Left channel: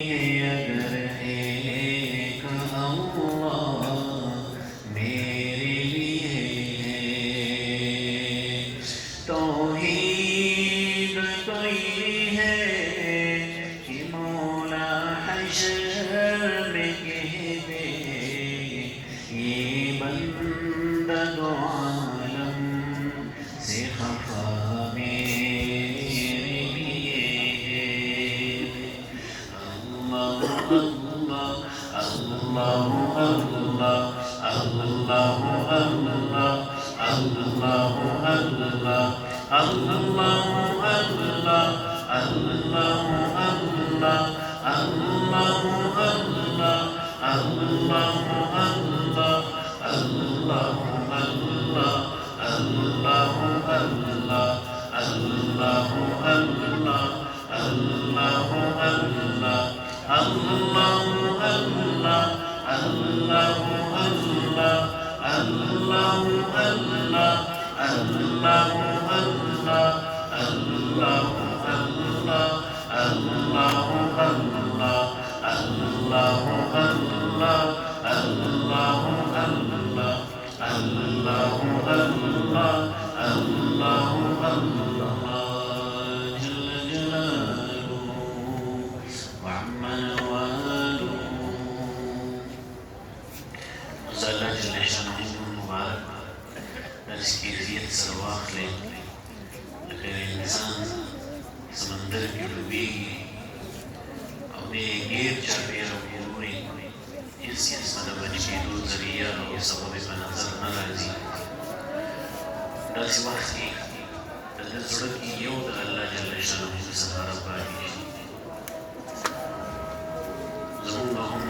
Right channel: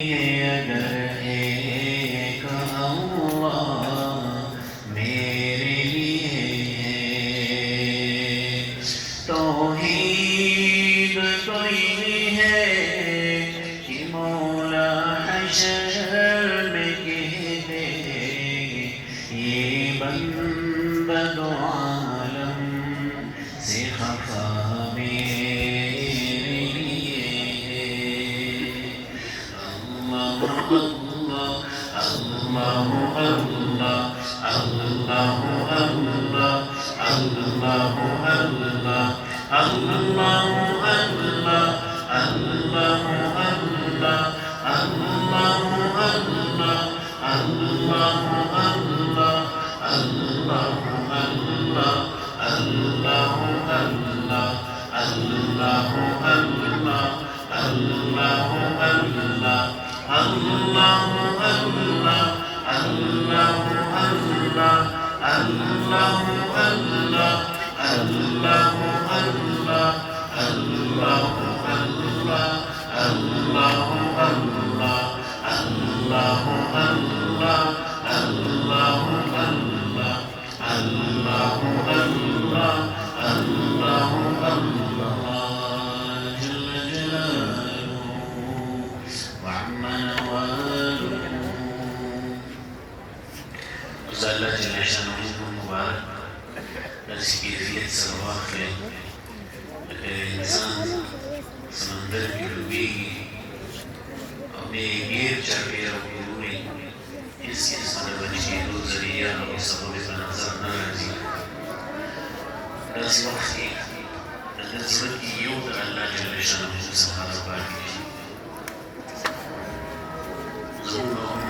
अगर एक अल्लाह मेरे लिए तौहीद कोई है कि मौला हशर में कह दे ये बंदा दो आलम से खफा समंदर की डूबेगी अपने गिर चढ़े पूरे किस परवरिश की दो जरिया और सबब का नजर न रजी दस वक्त की नजर की योग अल्लाह जल शाह सहारा पाई जरूर